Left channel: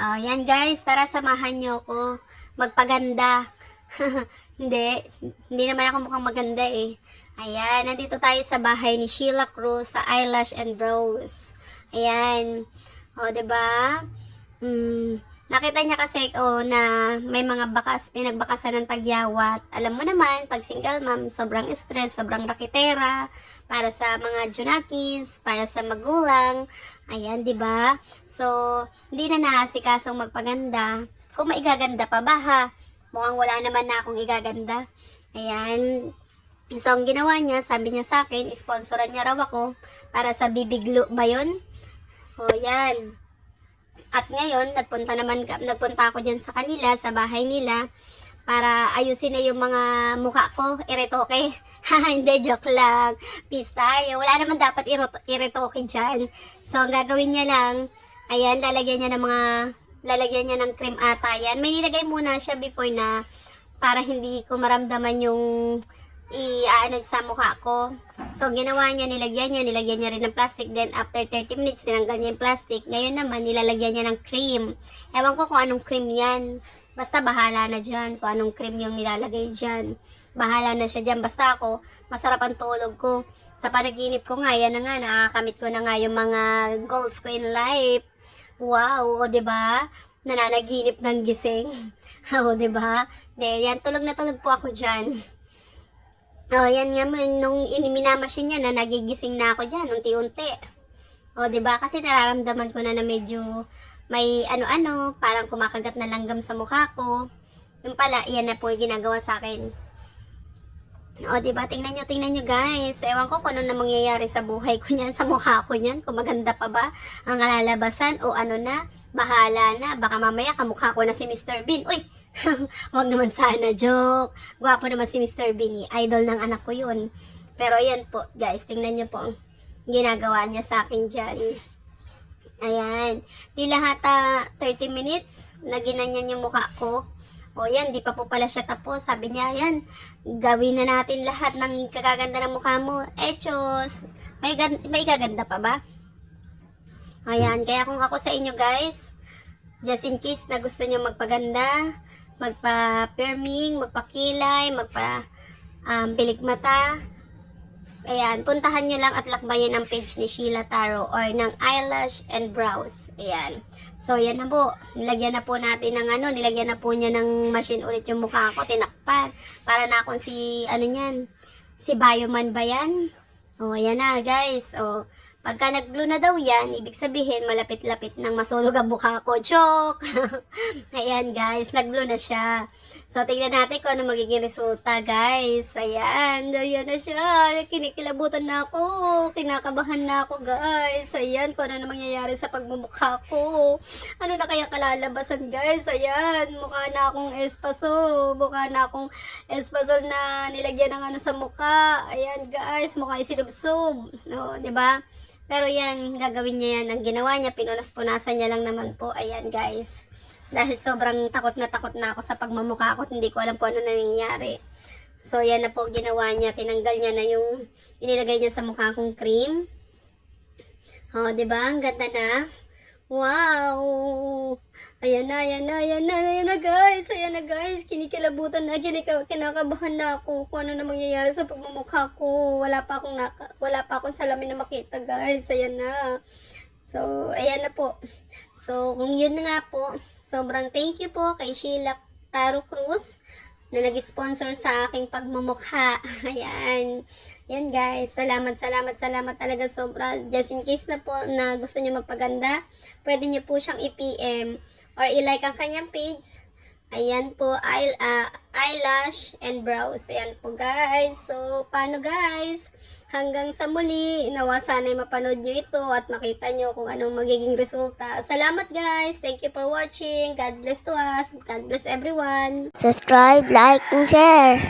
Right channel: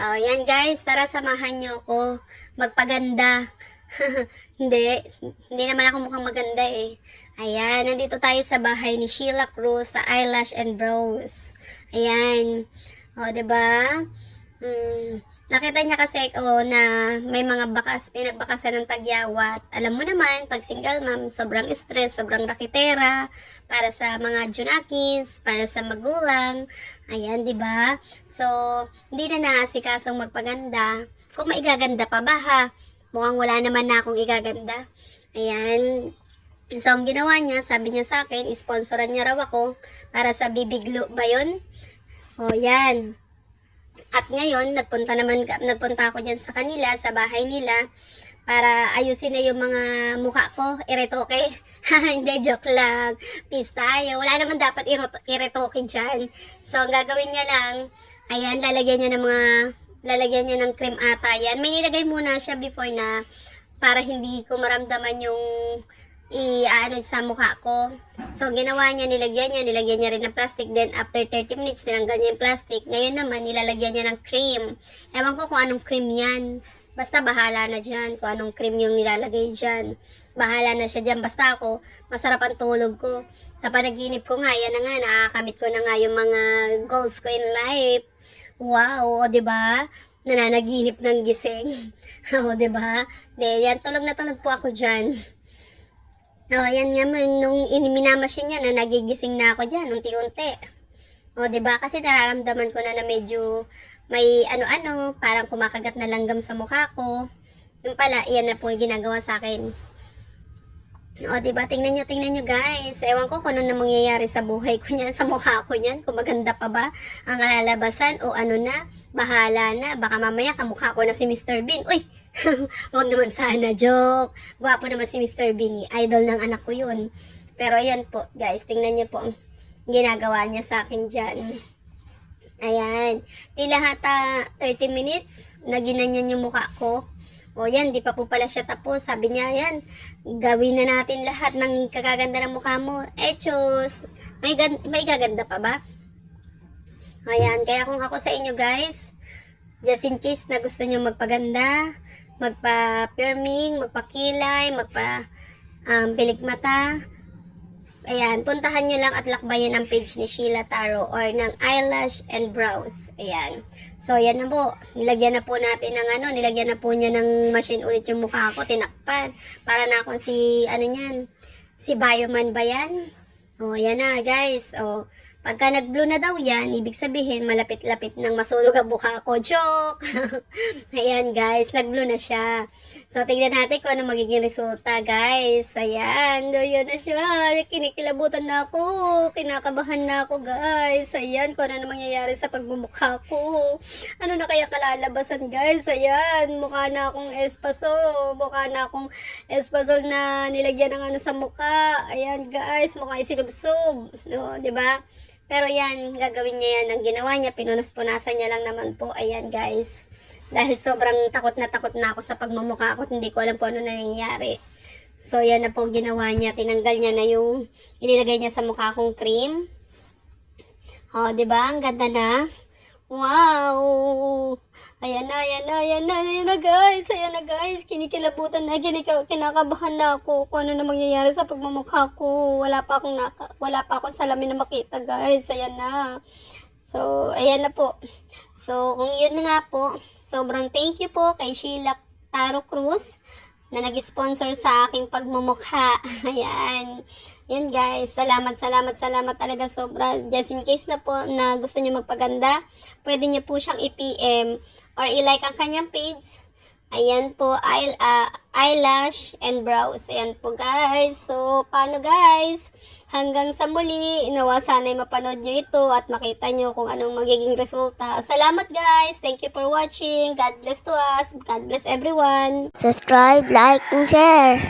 Yan guys, tara samahan nyo ako magpaganda. Hindi, hindi naman ako mukhang maganda eh. Ayan, nandito tayo sa bahay ni Sheila Cruz sa Eyelash and Brows. Ayan. O, diba? Nakita niya kasi na may mga pinagbakasan ng tagyawat. Alam mo naman, pag single mom, sobrang stress, sobrang rakitera, para sa mga junakis, para sa magulang. Ayan, di ba? So, hindi na naasikasong magpaganda. Kung maigaganda pa ba ha? Mukhang wala naman na akong igaganda. Ayan. So, ang ginawa niya, sabi niya sa akin, sponsoran niya raw ako para sa bibiglo ba yun? O, yan. At ngayon, nagpunta ako dyan sa kanila, sa bahay nila, para ayusin na yung mga mukha ko, iretoke. Hindi, joke lang. Peace tayo. Wala naman dapat iretoke dyan. So, ang gagawin niya lang, ayan, lalagyan niya ng cream ata yan. May nilagay muna siya before na, para hindi ko maramdaman yung sa mukha ko. So, ginawa niya, nilagyan niya rin ng plastic. Then, after 30 minutes, tinanggal niya yung plastic. Ngayon naman, nilalagyan niya ng cream. Ewan ko kung anong cream yan. Basta bahala na dyan kung anong cream yung nilalagay dyan. Bahala na siya dyan. Basta ako, masarap ang tulog ko. Sa panaginip ko nga, yan na nga, nakakamit ko na nga yung mga goals ko in life. Wow, o diba? Nananaginip ng gising. O diba? Yan, tulog na tulog po ako dyan. Yan nga, nung minamasin niya na nagigising na ako dyan, unti-unti. Diba? Kasi nararamdaman ko na medyo may ano-ano, parang kumakagat na langgam sa mukha ko. Yung pala, iyan na po yung ginagawa sa akin. Diba? Tingnan nyo guys. Ewan ko kung ano na mangyayari sa buhay ko niyan, sa mukha ko niyan. Kung maganda pa ba ang lalabasan o ano na, bahala na. Baka mamaya kamukha ko na si Mr. Bean. Uy! Wag naman sana, joke. Gwapo naman si Mr. Bean. Idol ng anak ko yun. Pero ayan po, guys. Tingnan nyo po. Ginagawa niya sa akin dyan. Ayan. Di lahat 30 minutes, naginanyan yung mukha ko. Yan, di pa po pala siya tapos. Sabi niya, yan, gawin na natin lahat ng kagaganda ng mukha mo. Chos, may gaganda pa ba? Ayan, kaya kung ako sa inyo guys, just in case na gusto nyo magpaganda, magpa-firming, magpakilay, pilik mata, ayan, puntahan nyo lang at lakbayin ang page ni Sheila Taro or ng Eyelash and Brows. Ayan. So, yan na po. Nilagyan na po natin ng nilagyan na po niya ng machine ulit yung mukha ko, tinakpan. Para na akong si Bioman ba yan? Ayan na guys. Pagka nag-blue na daw yan, ibig sabihin malapit-lapit nang masulog ang mukha ko. Joke! Ayan guys, nag-blue na siya. So, tingnan natin kung ano magiging resulta, guys. Ayan, ayan na siya. Kinikilabutan na ako. Kinakabahan na ako, guys. Ayan, kung ano na mangyayari sa pagmumukha ko. Ano na kaya kalalabasan, guys? Ayan, mukha na akong espaso. Mukha na akong espaso na nilagyan ng sa mukha. Ayan, guys, mukha isinubsob. No, diba? Pero yan, gagawin niya yan. Ang ginawa niya, pinunas-punasan niya lang naman po. Ayan, guys. Dahil sobrang takot na ako sa pagmamukha ko. Hindi ko alam kung ano nangyayari. So, yan na po ginawa niya. Tinanggal niya na yung inilagay niya sa mukha kong cream. Diba? Ang ganda na. Wow! Ayan na guys. Ayan na guys. Kinikilabutan na. Kinakabahan na ako kung ano na mangyayari sa pagmamukha ko. Wala pa akong salamin na makita guys. Ayan na. So, ayan na po. So, kung yun nga po, sobrang thank you po kay Sheila Taro Cruz na nag-sponsor sa aking pagmumukha. Ayan. Yan guys. Salamat talaga sobra. Just in case na po na gusto niyo magpaganda, pwede niyo po siyang i-PM or i-like ang kanyang page. Ayan po, Eyelash and Brows. Ayan po guys. So, paano guys? Hanggang sa muli, nawa sana'y mapanood nyo ito at makita nyo kung anong magiging resulta. Salamat guys! Thank you for watching. God bless to us. God bless everyone. Subscribe, like, and share.